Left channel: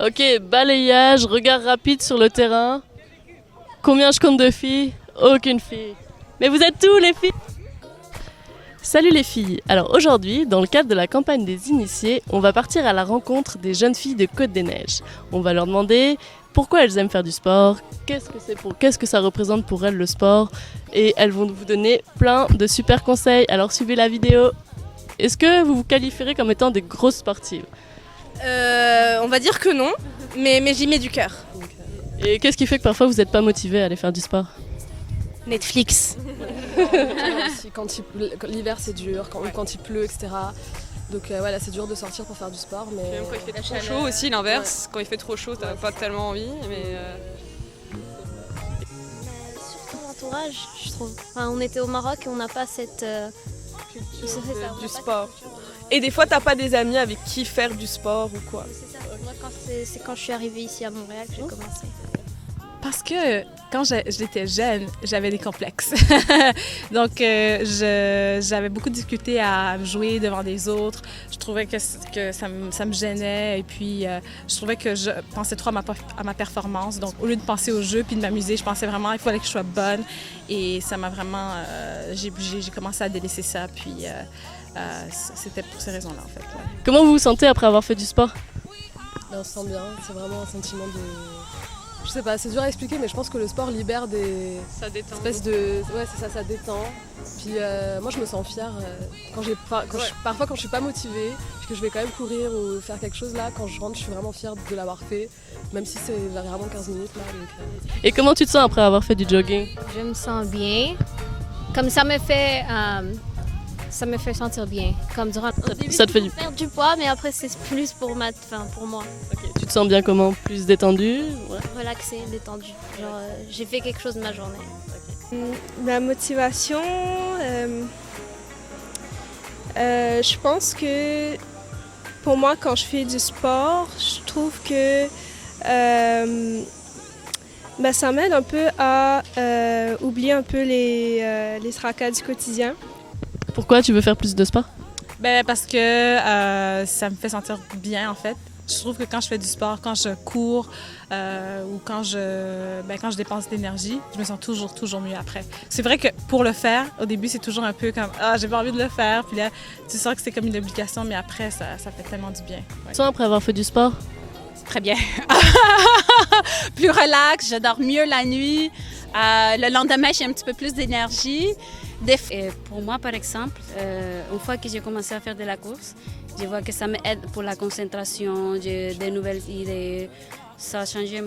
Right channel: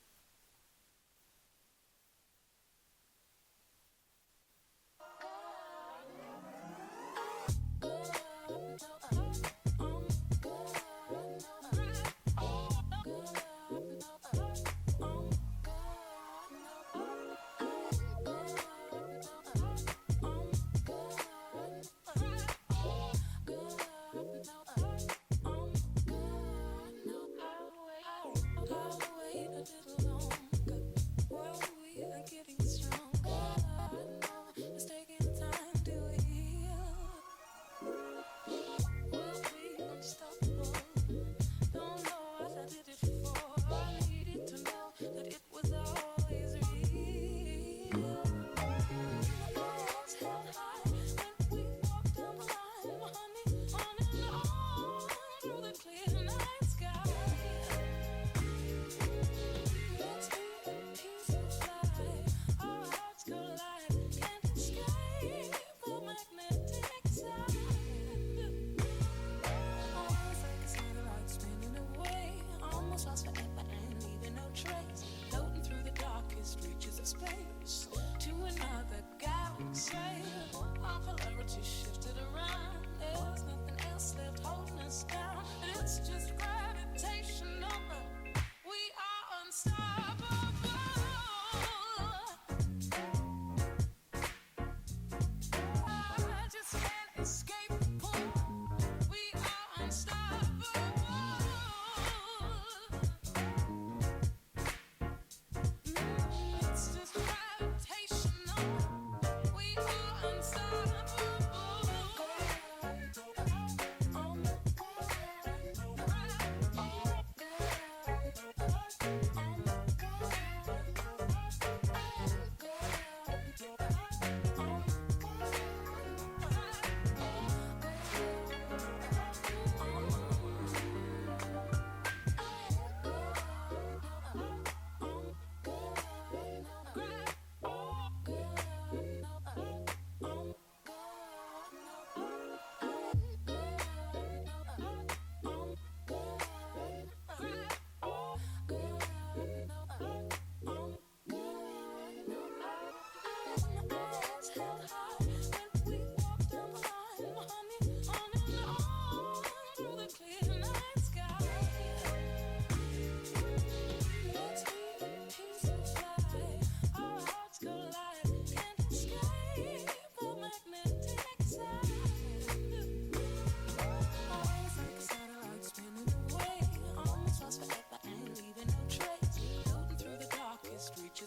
Ok, balayage, regard rapide sur le terrain. Combien je compte de filles? Aucune fille. Mais vous êtes tous les filles? Salut les filles. Alors aujourd'hui, dans le cadre de la campagne des initiés, on va partir à la rencontre des jeunes filles de Côte-des-Neiges. On va leur demander pourquoi elles aiment faire du sport, qu'est-ce que ça représente pour elles le sport, et elles vont vous donner plein de super conseils. Alors suivez la vidéo. Est-ce que vous vous qualifierez comme étant des grosses sportives? On va dire que non, mais j'y mets du cœur. Et qu'est-ce qui fait que parfois vous n'êtes pas motivé à aller faire du sport? Netflix. L'hiver c'est dur, quand il pleut, etc. Donc voilà, c'est dur de sortir pour faire du sport. Mais même quand il fait trop chaud aussi, l'inverse. Quand il fait trop chaud, t'as pas tellement envie. Mais Entourage, je trouve. Enfin, on était au Maroc et on n'a pas cette. du sport. Et des fois, t'as pas des amis avec qui faire du sport ou quoi. C'est ça. Moi, c'est quand je suis arrivée ici à Montréal que j'ai commencé. Parce que quand j'étais jeune, j'avais des complexes. Donc, j'avais beaucoup de difficulté à jouer devant des autres. Je trouvais que ça me gênait. Et puis, je trouvais que je pensais trop à ma performance. Donc, au lieu de penser au jeu puis de m'amuser, je pensais vraiment qu'il fallait que je sois bonne. Et ça m'a vraiment... j'ai commencé à délaisser ça. Puis, c'était pour ces raisons-là, en fait. Ouais. Comment vous vous sentez après avoir fait du sport? on se sent bien, c'est vraiment un sentiment de... Je sais pas, c'est dur à expliquer, mais je pense que le sport libère des Ça détend. espèces de... Ouais, c'est ça, ça détend. Puis moi, je me sens fière parfois quand je suis pas motivée, puis que je vais quand même courir ou faire quelque chose là, quand je rentre, je suis vraiment fière de l'avoir fait, même si c'est vraiment 15 minutes. Et comment tu te sens après avoir fait du jogging? Je me sens bien. Comme ça me fait. Ça me fait sentir bien. Comme durant au début, Ça te fait du... perdre du poids, mais après c'est plus pour pour moi. Tu te sens bien comment? Plus détendu? Ouais. Relaxé, détendu. Genre, j'ai fait quelque chose de ma journée. Ma motivation, je pense que pour moi, quand je fais du sport, je trouve que ça m'aide un peu à oublier un peu les tracas du quotidien. Pourquoi tu veux faire plus de sport? Parce que ça me fait sentir bien, en fait. Je trouve que quand je fais du sport, quand je cours ou quand je dépense d'énergie, je me sens toujours mieux après. C'est vrai que pour le faire, au début, c'est toujours un peu comme « Ah, j'ai pas envie de le faire ». Puis là, tu sens que c'est comme une obligation, mais après, ça fait tellement du bien. Ouais. Tu sens après avoir fait du sport? Très bien. Plus relax, je dors mieux la nuit. Le lendemain, j'ai un petit peu plus d'énergie. Et pour moi, par exemple, une fois que j'ai commencé à faire de la course, je vois que ça m'aide pour la concentration, j'ai des nouvelles idées. Ça a changé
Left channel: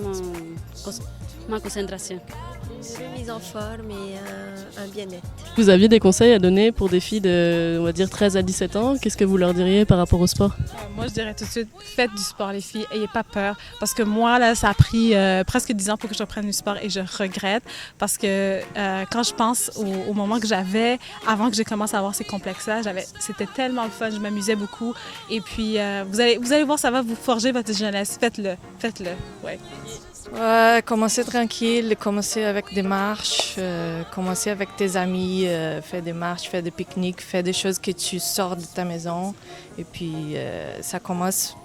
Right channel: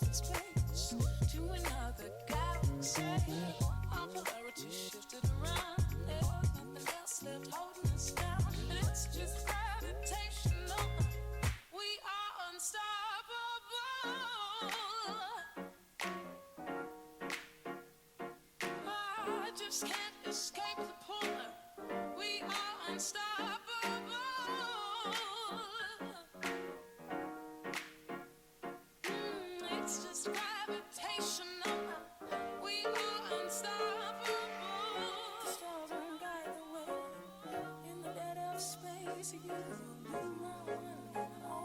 ma concentration. Une mise en forme et un bien-être. Vous aviez des conseils à donner pour des filles de, on va dire, 13 à 17 ans? Qu'est-ce que vous leur diriez par rapport au sport? Moi, je dirais tout de suite, faites du sport, les filles. Ayez pas peur. Parce que moi, là, ça a pris presque 10 ans pour que je reprenne du sport et je regrette. Parce que quand je pense au moment que j'avais, avant que j'ai commencé à avoir ces complexes-là, c'était tellement le fun, je m'amusais beaucoup. Et puis, vous allez voir, ça va vous forger votre jeunesse. Faites-le. Ouais. Ouais, commencer tranquille, commencer avec des marches, commencer avec tes amis, faire des marches, faire des pique-niques, faire des choses que tu sors de ta maison. Et puis, ça commence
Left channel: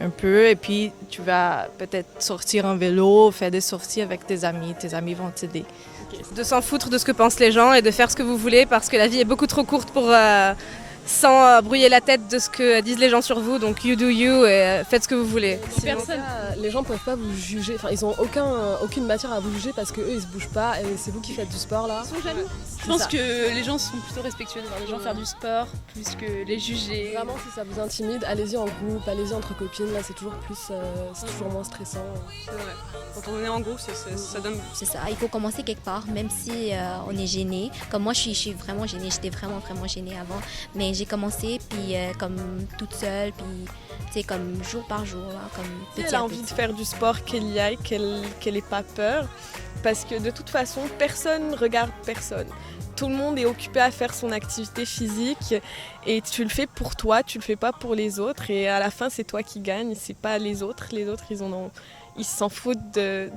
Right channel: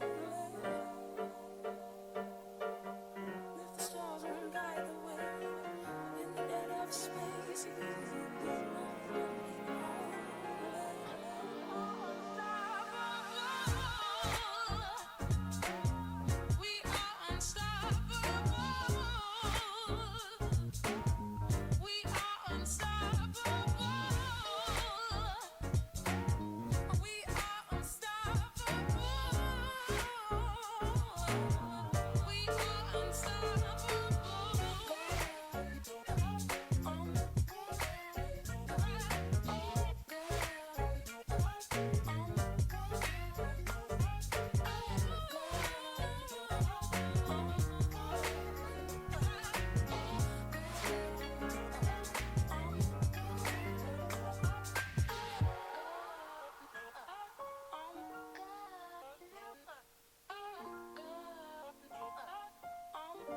un peu. Et puis, tu vas peut-être sortir en vélo, faire des sorties avec tes amis vont t'aider. De s'en foutre de ce que pensent les gens et de faire ce que vous voulez parce que la vie est beaucoup trop courte pour... sans brouiller la tête de ce que disent les gens sur vous, donc you do you et faites ce que vous voulez. Les gens peuvent pas vous juger, enfin ils ont aucune matière à vous juger parce que eux ils se bougent pas et c'est vous qui faites du sport là. Ils sont jaloux. Je pense que les gens sont plutôt respectueux de voir les gens faire du sport plus que les juger. Vraiment si ça vous intimide, allez-y en groupe, allez-y entre copines, là c'est toujours moins stressant. Quand on est en groupe, ça donne... C'est ça, il faut commencer quelque part, même si on est gêné. Comme moi je suis vraiment gênée, j'étais vraiment gênée avant. Mais j'ai commencé puis comme toute seule puis tu sais comme jour par jour comme Elle a envie de faire du sport, qu'elle y aille, qu'elle ait pas peur parce que de toute façon personne ne regarde personne. Tout le monde est occupé à faire son activité physique et tu le fais pour toi, tu le fais pas pour les autres et à la fin c'est toi qui gagne, c'est pas les autres. Les autres ils s'en foutent de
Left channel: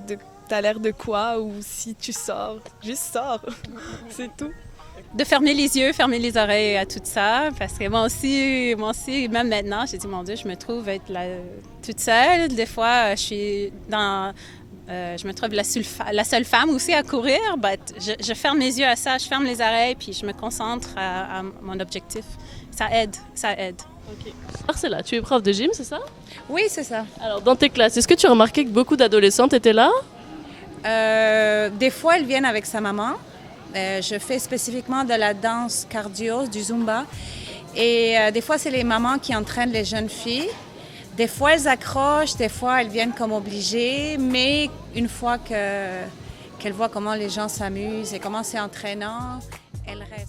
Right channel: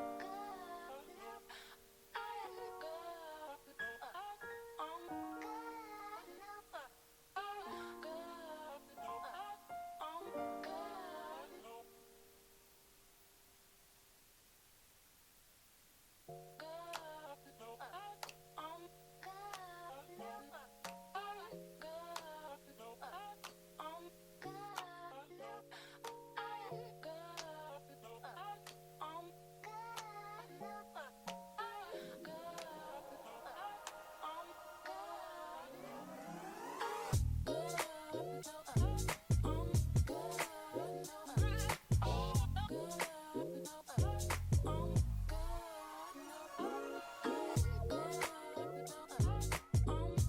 t'as l'air de quoi ou si tu sors, juste sors, c'est tout. de fermer les yeux, fermer les oreilles à tout ça. Parce que moi aussi, même maintenant, j'ai dit, mon Dieu, je me trouve être là, toute seule. Des fois, je me trouve la seule femme aussi à courir. Je ferme mes yeux à ça, je ferme les oreilles, puis je me concentre à mon objectif. Ça aide. Ok. Marcella, tu es prof de gym, c'est ça? Oui, c'est ça. Alors, dans tes classes, est-ce que tu as remarqué que beaucoup d'adolescentes étaient là? Des fois, elles viennent avec sa maman. Je fais spécifiquement de la danse cardio, du Zumba. Et des fois, c'est les mamans qui entraînent les jeunes filles. Des fois, elles accrochent, des fois, elles viennent comme obligées. Mais une fois qu'elles voient comment les gens s'amusent et comment c'est entraînant, elles restent.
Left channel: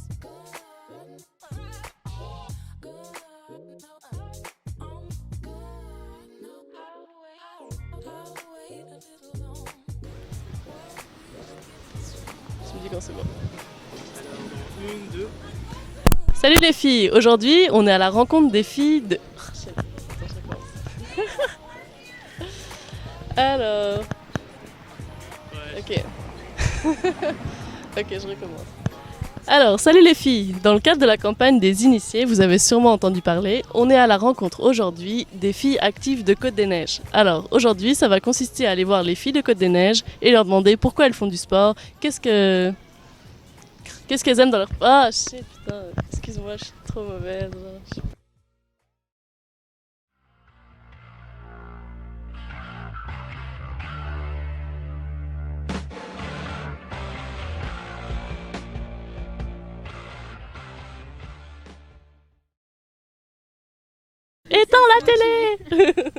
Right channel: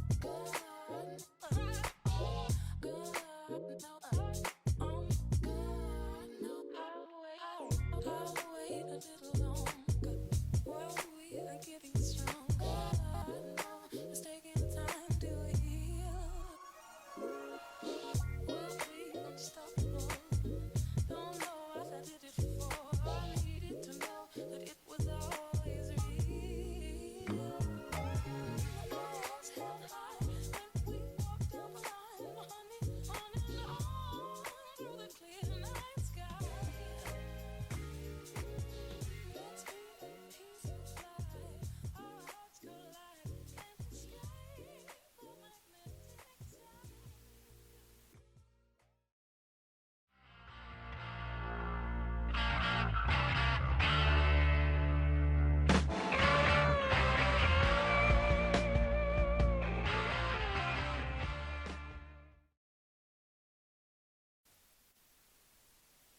Salut les filles, aujourd'hui on est à la rencontre des filles de... Alors... Ok. Ok, je recommence. Alors, salut les filles, dans le cadre de la campagne des initiés, vous avez sûrement entendu parler, on est à la rencontre aujourd'hui des filles actives de Côte-des-Neiges. Alors, aujourd'hui, ça va consister à aller voir les filles de Côte-des-Neiges et leur demander pourquoi elles font du sport, qu'est-ce qu'elles aiment dans leur... Ah, shit, putain, excuse-moi, je suis trop mauvaise. Éteins la télé.